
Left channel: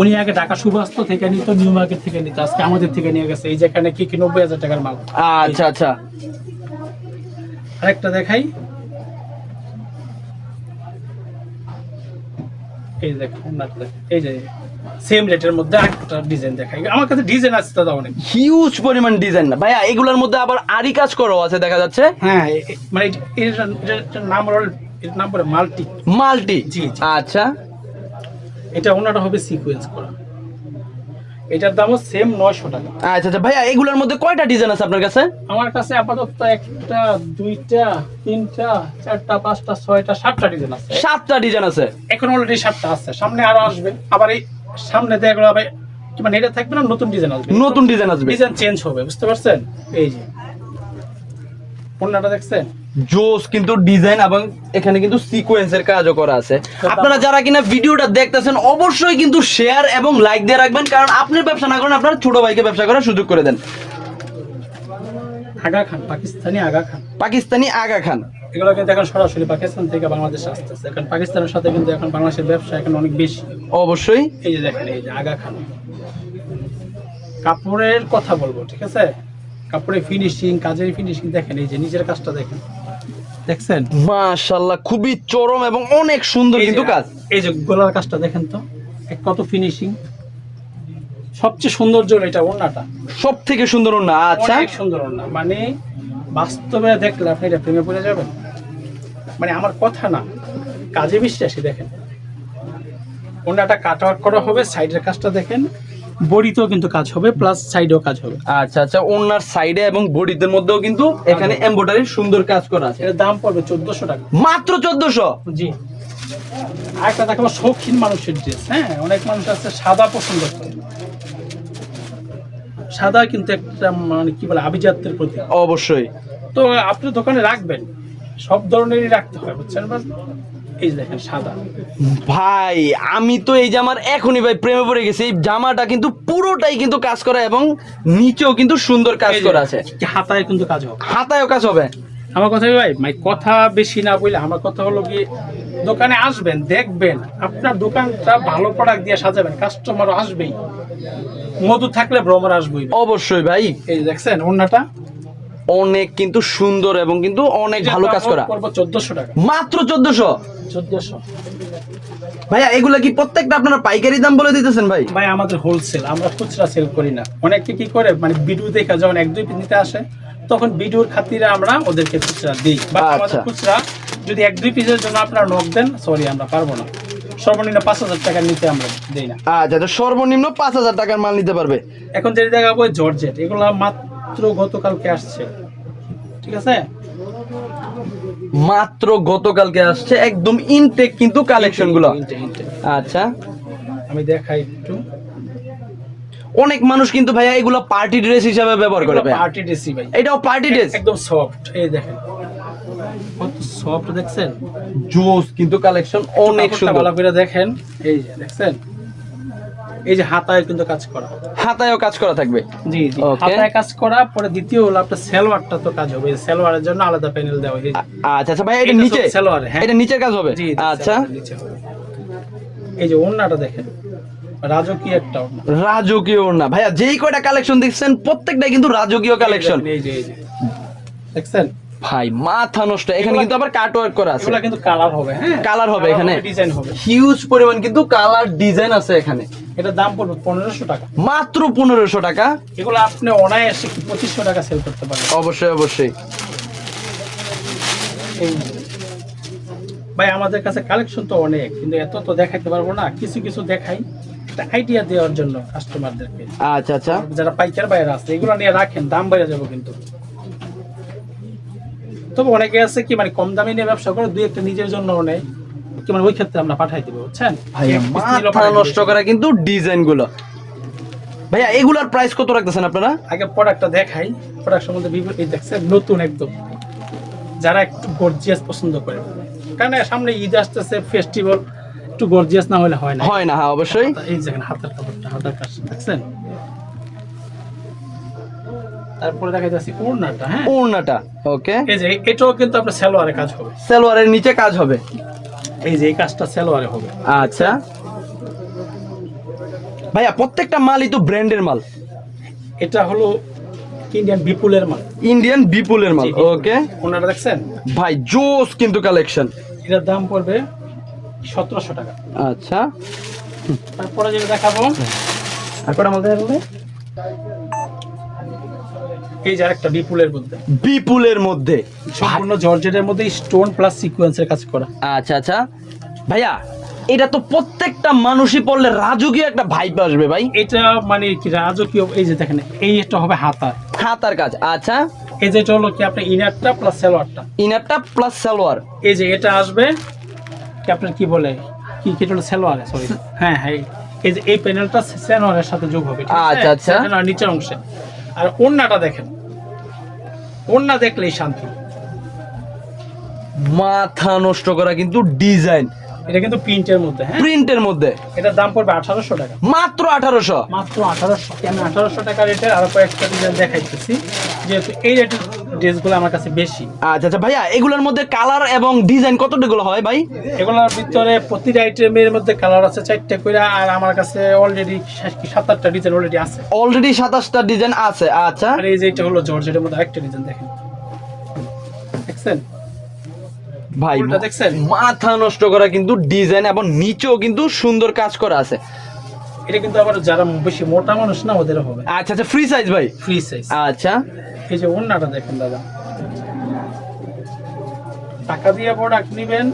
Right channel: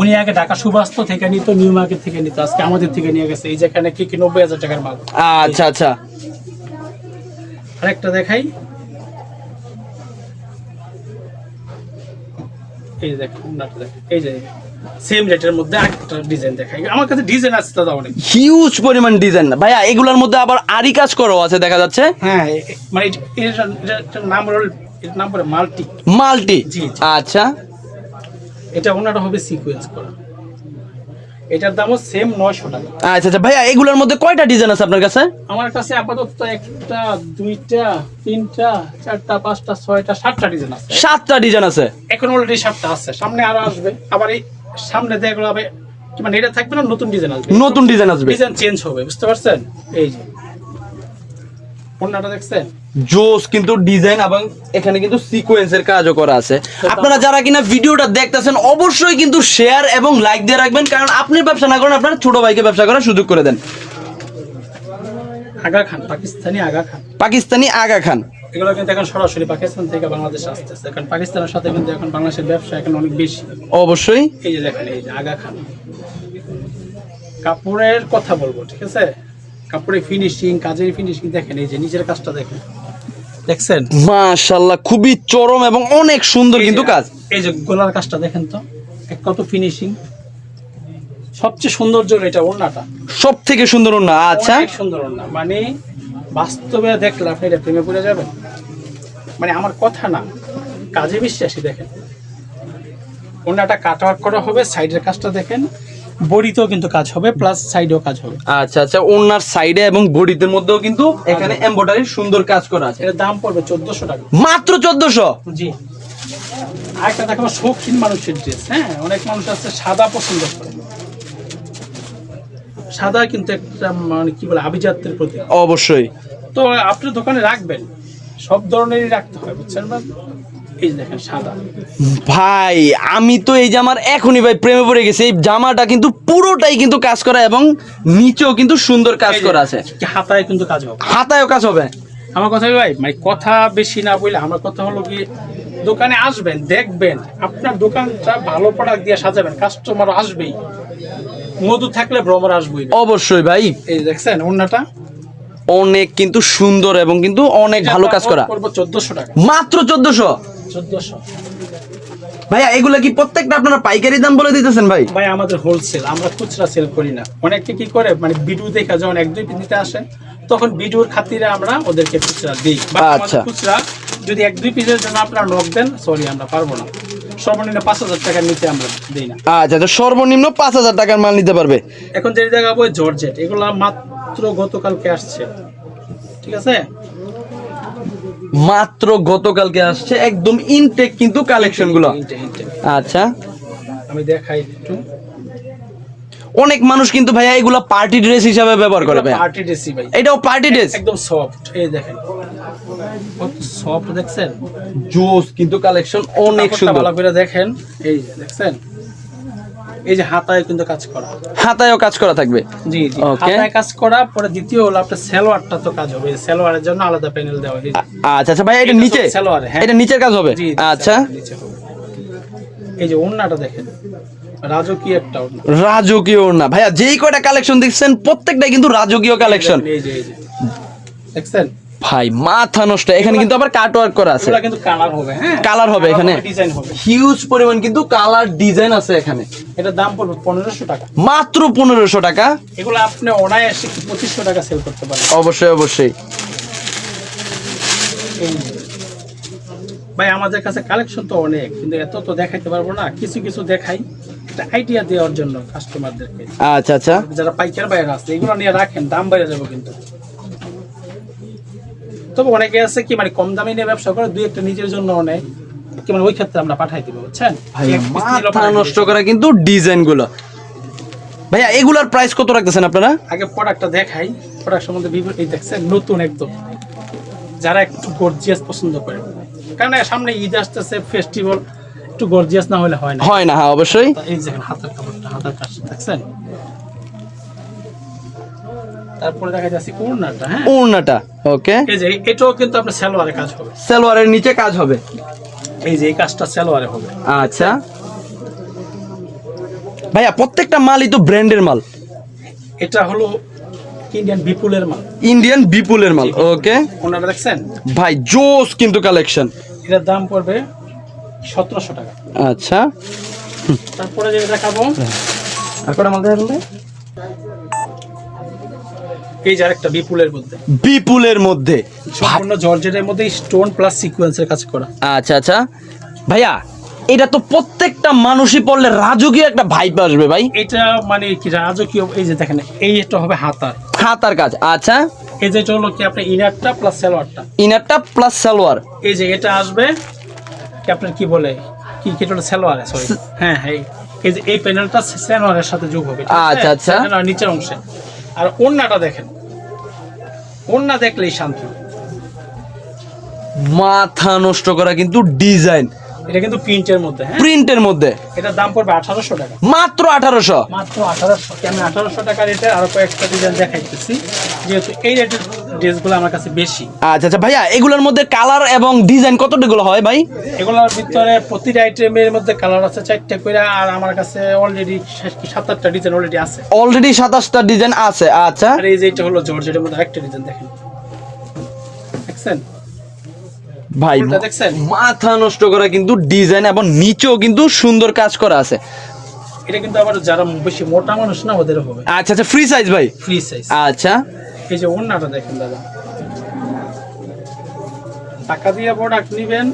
উনি আগে ঢাকা সুবাস্ত থেকে নিত, নিউ মার্কেট থেকে নিত, আজকে আমাদের থেকে নিয়ে গেছে। এই যেখানে কি 90,000 টাকার মাল। আচ্ছা আচ্ছা, আরেকটা দেখাই, এই যে দেখেন ওন্নাটা দেখেন, এই যে সেম রেটের মধ্যে আরেকটা ডিজাইন দেখাই। আমার কাছে ডিজাইন আছে দাদা অনেক, হিউজ পরিমাণ ডিজাইন। ভাইয়া এগুলোর মধ্যে আবার আরি কাজ করাও আছে দেখা যাচ্ছে। হ্যাঁ, মানে এটার নাম বলে মাল্টি। মাল্টি, জি। আচ্ছা, এটা ওনাটা হবে সিকোয়েন্স করা, এটার দামও সেম 900 টাকা। আচ্ছা আচ্ছা। ভাইয়া এগুলোর মধ্যে কয়টা ডিজাইন আছে আপনার কাছে? আমার কাছে আপাতত একটা, দুইটা, তিনটা, চারটা, পাঁচটা, ছয়টা, 7টা ডিজাইন আছে। 7টা ডিজাইন আছে এখন অলরেডি 7টা আছে, সামনে আরো আসবে। আবার এই সামনে দেখলো হবে মানে এটা থাকবে না, নতুন ডিজাইন আসবে, নতুন ডিজাইন আসবে, ডিজাইন চেঞ্জ হবে, বুঝতে পারছেন? এই যে ওন্নাটা দেখছেন, জোস কিন্তু ডিজাইন, এবং এখানে কিন্তু সিকোয়েন্সের কাজও করা আছে। আপনারা যারা কিনা ভিডিওটা দেখতেছেন অবশ্যই কিন্তু শেয়ার এবং লাইক দিয়ে রাখবেন, কারণ আপনি ব্যবসা না করেন আপনার ছোট ভাইকে ব্যবসা করার সুযোগ করে দেন। আগা খান, পাকিস্তানি আগা খান, পাকিস্তানি আগা খান, এগুলো কিন্তু এখন সরাসরি পাকিস্তান থেকে বাংলাদেশে আসতেছে, কারণ পাকিস্তানের সাথে কিন্তু এখন বাংলাদেশের ব্যবসা এখন অনেক বেশি। অবশ্যই। এই যে দেখেন, এই যে আগা খান, কাপড়ের কথা বলবো, ঠিক আছে? কাপড়ের ফিনিশিং, কাজের ফিনিশিং দেখেন, এই যে নিচের কাজটা দেখেন, দেখছেন মাশাআল্লাহ, খুবই চরম এবং অনেক সুন্দর কিন্তু কাজ। এই যে গলার কাজটা দেখেন তো, কত ফিনিশিং। সবচেয়ে সৌন্দর্য এটা ওন্নাটা, সব থেকে সুন্দর ওন্না। আচ্ছা, অনেক সুন্দর ওন্না, মানে বাস্তবে দেখলে আপনি এটা প্রেমে পড়ে যাবেন। মানে আমার কথা না, কাজে বিশ্বাসী। দেখেন ওনাটা কাট ওয়ার্ক করা হবে, সাইডের কাজটা দেখেন, বডিতেও কিন্তু কাজ হবে, প্লাস সাইডেও কাজ হবে। আচ্ছা আচ্ছা, ওনার সাইডে এবং বডিতে মধ্যেও কিন্তু এখানে এমব্রয়ডারি সুন্দর কাজ করা আছে। এর দাম পড়বে 1400 টাকা। মাত্র 1400? জি। আরেকটা দেখাবো শৌখিন মানুষের ড্রেস। হ্যাঁ, অনেক মানুষ আছে সাদা পছন্দ করে। সাদা কিন্তু একটা মানে কি বলে আভিজাত্যের প্রতীক। অবশ্যই। তো আপনি দোকানে রাখবেন, সব ধরনেরই রাখতে হয়, বুঝছেন? এই যে দেখেন সাদা। ভাই আমি তো এই জামার এখনই ভাই প্রেমে পড়ে গেছি। এই জামাটা কিন্তু পুরোটাই কিন্তু কাজ করা এবং নিচেও কিন্তু সুন্দর কাজ এই যে করা আছে। হাতায় কিন্তু কাজ হবে। হাতায়ও কাজ হবে। আমার কথা কি ভাই, মানে কথা বেশি না বলে, আমার কথা হলো কি, দোকানে আসবেন, দেখবেন, আপনার দোকানটা ভালো প্রোডাক্ট দিয়ে সাজাবেন, কাস্টমার আসবেই। মধু থাকলে ভ্রমর আসবেই। অবশ্যই ভাই। এই দেখছেন ওন্নাটা অনেক কিন্তু সুন্দর এবং কিন্তু অনেক ভালো কাজ করা। 1400 টাকা। মাত্র 1400? 1400। ভাইয়া এগুলা কি প্রত্যেকটা আপনারা পাইকারি দাম বলে দিতেছেন ভাই? ভাই আমাদের হোলসেল, আমরা খুচরা সেল করি না। অনেকে কি করে, মানে ভিডিও দেখা যখন 1-2 পিস নিতে আসে, তখন ভিডিওর খাতিরে আমরা ওদেরকে খুচরা দিই। বা আমাদের খুচরা যদি 1-2 পিসের জন্য আপনারা নক দেন, সরি আমরা পারবো না। সর্বনিম্ন 5000 টাকার নিচে আমরা দেই না। আচ্ছা, তো সর্বনিম্ন 5000 টাকার মাল নিতে পারবে। এখন যে দেখাবো জর্জেট, এগুলো মাত্র গতকালকে আসছে, ঠিক আছে? মাত্র গতকালকে আসছে, একদম ইনটেক কিন্তু কালেকশন গুলো। আচ্ছা, আমি দেখাই একটু। অনেক মানুষ কিন্তু ভাইয়া এগুলো পার্টি ড্রেস হিসাবে ব্যবহার করে। পার্টি ড্রেসই ভাই, এটাও পার্টি ড্রেস, একদম সফট। এই দেখেন কত সফট, দেখছেন? জোস কিন্তু কালেকশন অনেক সুন্দর। ভালো করে দেখেন, এই যে দেখছেন, এই যে হাতায় কিন্তু কাজ করা, হাতায়ও কাজ করা থাকবে। জি জি, হাতায় কাজ করা। পরে দ্বিতীয় হলো আপনার সালোয়ারটা তো কাজ হবে, সালোয়ারের জন্য আলাদা প্যানেল দেওয়া হয়েছে। আচ্ছা আচ্ছা ভাই, এটা নিচে সালোয়ার, হ্যাঁ এটা নিচের কাজ হবে। আচ্ছা, নিচে হবে। এই যে ওন্নাটা দেখেন, রাজকীয় একটা ওন্না। রাজকীয় ওন্না ভাইয়া, যেই কয়টা কালেকশন দেখছেন প্রত্যেকটাই কিন্তু রাজকীয় কালেকশন। এই যে দেখছেন ভাই, মাথা নষ্ট। এখানে কিন্তু আবার কাট ওয়ার্ক করা আছে। এগুলা কিন্তু কালার হবে। হ্যাঁ, কালার হবে, এখানে ডিজাইন হবে, হিউজ পরিমাণ কিন্তু কালার ডিজাইন আছে এখানে। এটা দাম পড়বে 1500 টাকা। মাত্র 1500 টাকা? এগুলো আপনি অনায়াসে 2500 টাকা সেল করতে পারবেন। অবশ্যই অবশ্যই। ভাই আমাদের কাছে কালেকশন তো অনেক, কিন্তু এত তো দেখাইতে পারবো না। কিছু কিছু দেখাই একটা আইডিয়া দেওয়ার জন্য কাস্টমারদেরকে। আচ্ছা আচ্ছা, যারা পাইকার বাইরে আছে, এগুলো নিয়ে রাখেন, দাম বেড়ে যাবে কিন্তু। তবে অনেকে আছে কি, মানে কম দামে নিয়ে ব্যবসা করে, দুই একটা নিজের জন্য নেয় কি, মানে ওই ক্ষেত্রে আমরা পাঠাই দিব, বুঝছেন? মাথা নষ্ট করা কিন্তু ডিজাইন গুলো। ভাইয়া এগুলার প্রাইস কত রাখতেছেন আপনারা? আগে প্রোডাক্টটা দেখাই, প্রোডাক্ট সম্বন্ধে এই দেখছেন, নতুন একদম, যারা একটু গর্জিয়াস পছন্দ করে, কারণ সামনে ঈদ আসতেছে, ফেস্টিভ্যাল, একটু গর্জিয়াস না হলে হয় না। হয় না, হ্যাঁ অবশ্যই। এই দেখেন হাতের কাপড়টা, হাতের কাজ দেখছেন। তারপরে দেখা যাচ্ছে ওড়নাটা। হ্যাঁ, ওড়নাটা ওকে। এই যে এটাও কিন্তু আপনার সালোয়ারে কাজ হবে, সালোয়ারের নিচে কাজ হবে। এই যে এই কাজটা সালোয়ারে হবে। আচ্ছা ভাইয়া, প্রত্যেকটা মালই তো ব্র্যান্ডের মাল। এটা হলো ইন্ডিয়ান বিপুলের মাল। ইন্ডিয়ান বিপুলের মাল, ওকে। ওনারা দেখছেন ভাই, জোস কিন্তু কালেকশন। এটার দাম পড়বে 1700 টাকা। আচ্ছা, তারপরে যেটা দেখাবো, তারপরে আমাদের হলো এই যে আরেকটা বিপুলের মধ্যে, বিপুলের মধ্যে সম্পূর্ণ জর্জেটের মধ্যে স্টোন প্লাস সিকোয়েন্সের কাজ করা। আচ্ছা আচ্ছা ভাইয়া, এটা তো প্রত্যেকটা মানুষই পড়লে রাজকীয় একটা ভাইব আসবে ভাই। এটা মানে কি রাজকীয়। এই যে দেখেন, এই একটা হবে হাতার, হাতার কাজ। আচ্ছা, এই যে এটা হলো কি আপনার ইনারটা প্লাস সালোয়ারটা, ইনারটা প্লাস সালোয়ার। এই যে এটা আসবে কি আপনার কি বলে, কি কি হলো সালোয়ারে, সরি, হ্যাঁ হ্যাঁ, এই যে এই প্যানেলটা সালোয়ারের সাথে যোগ হবে, ঠিক আছে? আচ্ছা আচ্ছা, সালোয়ার নিচের অংশে। আর ওড়নাটা দেখেন, ওড়না দেখলেই শান্তি। মাথা নষ্ট করা কিন্তু ডিজাইন, এটা কিন্তু প্রিন্টের মধ্যে, হ্যাঁ প্রিন্টের মধ্যে। এটার দাম পড়বে 1800 টাকা। মাত্র 1800? মাত্র 1800। আমি 1800 টাকা রেটে আরো কয়েকটা ডিজাইন দেখাইতেছি, যেহেতু এই রেটের ড্রেসগুলো আমার কাছে বেশি। আচ্ছা আচ্ছা ভাইয়া, এগুলোর মধ্যে কালার এবং ডিজাইন কতগুলো হয় ভাই? এগুলোর ভিতরে প্রতিটা আইটেমের মধ্যে কালার আছে 4টা করে, আর আমার কাছে অলরেডি 7-8টা ডিজাইন অলরেডি আছে। অলরেডি 27টা ডিজাইন আছে। আচ্ছা, আর এই যে এটা হলো জর্জেটের মধ্যে আরেকটা ডিজাইন দেখেন, দেখছেন ভাই ফুলটা দেখছেন? মাথা নষ্ট করা কিন্তু ডিজাইন এবং নিচেও কিন্তু সুন্দর কাজ করা আছে। এটা কিন্তু আবার যারা বেশি মোটা মানুষ না, ওদেরও হবে। আচ্ছা আচ্ছা, ফ্রি সাইজ ভাই? Free size. আচ্ছা, এই যে ওড়নাটা দেখেন দাদা, টাকা দিয়ে প্রোডাক্ট নিবেন,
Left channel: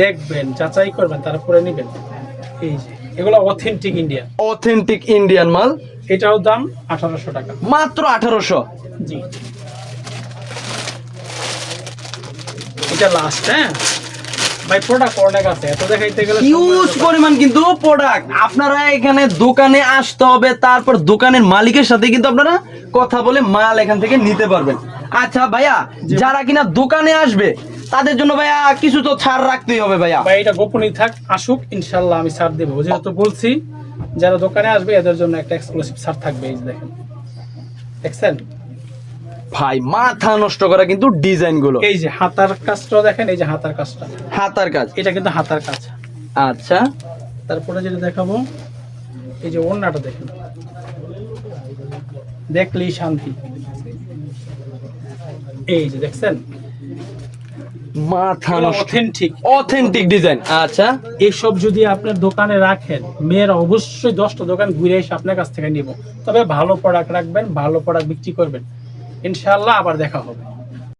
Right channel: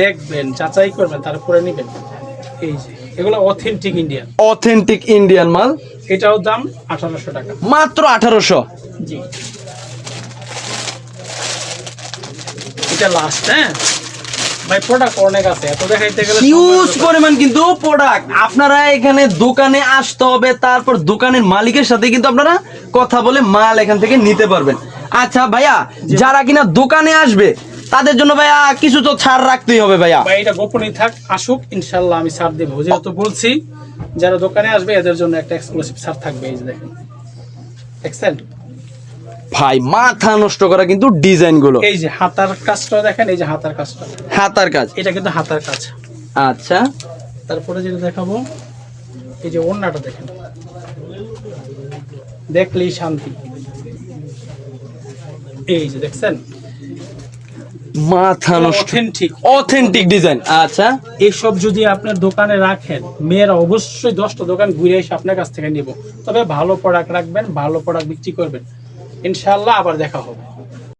দেখবেন, যাচাই করবেন, তারপরে নিবেন। এই যে এগুলো অথেন্টিক ইন্ডিয়ান, অথেন্টিক ইন্ডিয়ান মাল, এটাও দাম 1800 টাকা। মাত্র 1800। জি, এটা লাস্ট। হ্যাঁ ভাই, প্রোডাক্ট অনেক আছে, এত দেখাইতে গেলে হিউজ পরিমাণ কিন্তু প্রোডাক্ট। আপনারা এখানে দোকানে আসতে হবে, তারপর দোকানের মালিকের সাথে কিন্তু আপনারা কথা বলে মাল এখান থেকে নিতে পারবেন। আচ্ছা ভাইয়া, যারা কিনা দোকানে আসবে তাদের জন্য ভাইয়া কিছু তো ছাড় রাখতেই হবে ভাইয়া। ভাই এটা গোপনই থাক, আসুক, ইনশাল্লাহ আমি ছাড় দেবো। যেহেতু বলছি যারা দোকানে আসবে এদের জন্য একটা এক্সক্লুসিভ ছাড় থাকবে। এই যে দেখেন, দেখছেন ভাই মাথা নষ্ট করা কিন্তু ডিজাইন গুলো। এই যে হাতার কাজটা দেখেন, এই যে হাতার কাজটা, হাতার কাজ, এটা কিন্তু হাতার কাজ। আচ্ছা, তারপরে যেটা দেখাবো, এই যে ওড়নাটা দেখেন, দেখলেই শান্তি। এই যে দেখছেন, মাথা নষ্ট, অথেন্টিক অথেন্টিক ডিজাইন। আচ্ছা, এসব যদি আপনার দোকানে রাখেন, মেয়েরা অবশ্যই 10টা দোকান ঘুরে এসে আপনার কাছ থেকে নিব। তবে ভালো প্রোডাক্ট রাখবেন, ভালো প্রোডাক্ট বিক্রি করবেন, ইনশাআল্লাহ আবার দেখা হবে।